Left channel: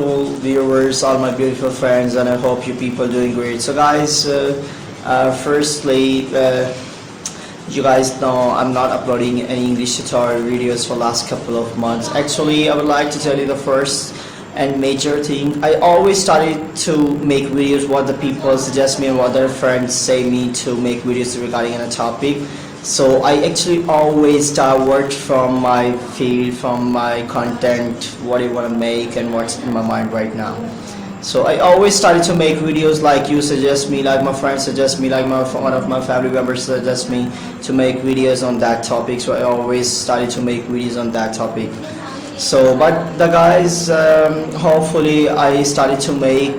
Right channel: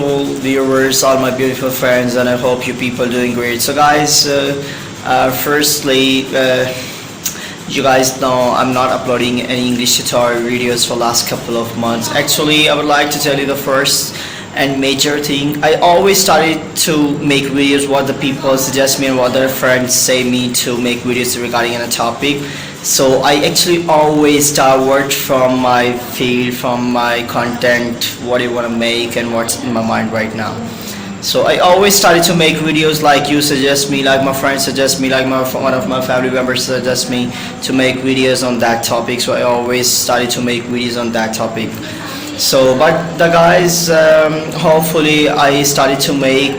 beautiful viewers, all my beautiful friends, and I hope you people are doing great. So guys, firstly, you guys know I'm not uploading any English tutorial videos for last couple of months. Actually, I would like to tell you the first and major thing. I always started to make videos what the people suggest me and what their friends say me to make videos regarding a topic. So I actually always start from my field, from my content, what I want to make and what's in my mind right now. So I always started to make videos like you suggest me, like my friends suggest me, like one of my family members suggest me to make videos on that topic. So I always started to make videos on that topic. So but the guys, hopefully I started to make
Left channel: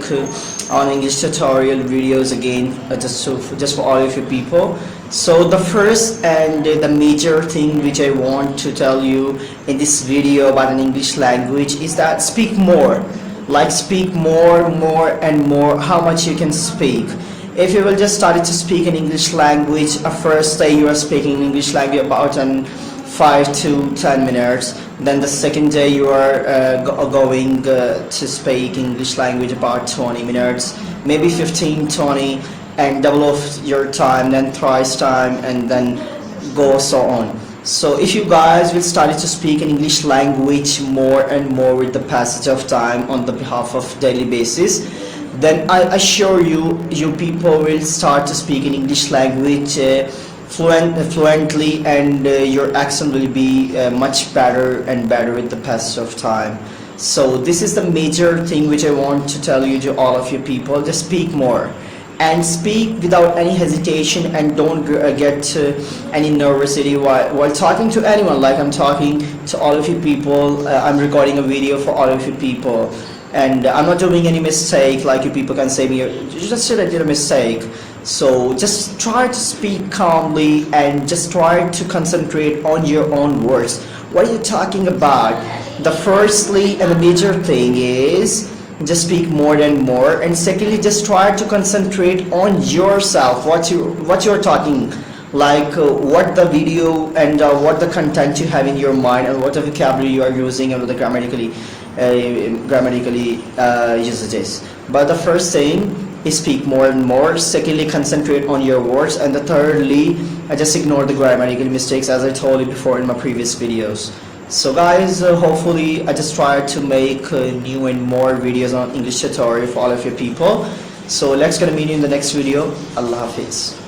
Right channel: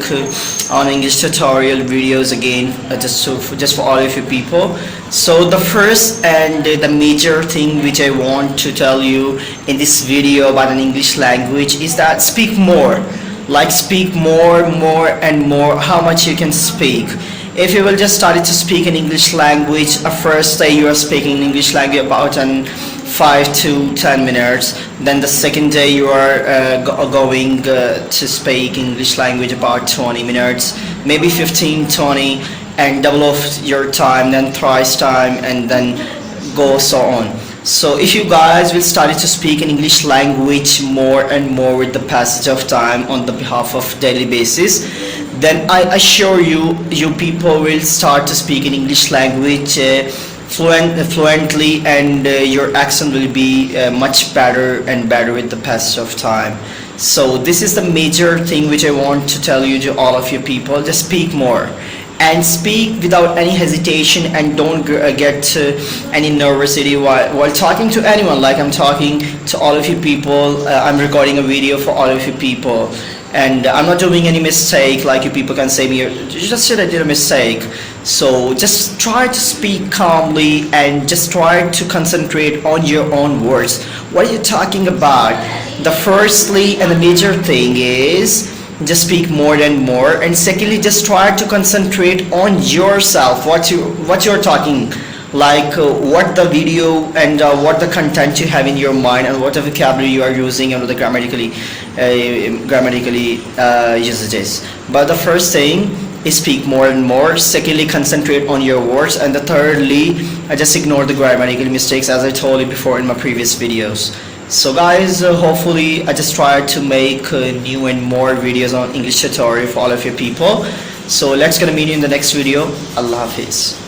on English tutorial videos again, just for all of you people. So the first and the major thing which I want to tell you in this video about an English language is that speak more. Like speak more and more, how much you can speak. If you will just start to speak in English language, a first day you are speaking English language about 5 to 10 minutes, then the second day you are going to speak English language about 20 minutes, maybe 15, 20, and double of your time, then thrice time, and then go so on. So if you guys will start to speak in English language more and more with the passage of time on the behalf of daily basis, then I assure you, you people will start to speak in English language fluently, and your accent will be much better and better with the passage of time. So this is the major thing which I want to tell you to all of you people. Just speak more and speak without any hesitation, and don't get any nervousity while talking to anyone. Like I'm talking to all of you people, I'm recording a video for all of you people, and I'm not doing any mistake like you people can say me, you just said I did a mistake. So just try to speak calmly and just try to concentrate on your own words. What are you talking about? The firstly and the major thing is just speak more and more, and secondly just try to concentrate on yourself, what you're talking, like what the video and what the content you have in your mind, and what the vocabulary you are using, and what the grammatically usages. But the first thing is speak more and more, secondly concentrate on your words, and the thirdly just ignore the grammatical mistakes as I told you before in my previous videos. So guys, hopefully I just try to make new and more videos on English tutorial for all of you people. So let's gonna meet you in the next video. Allah Hafiz.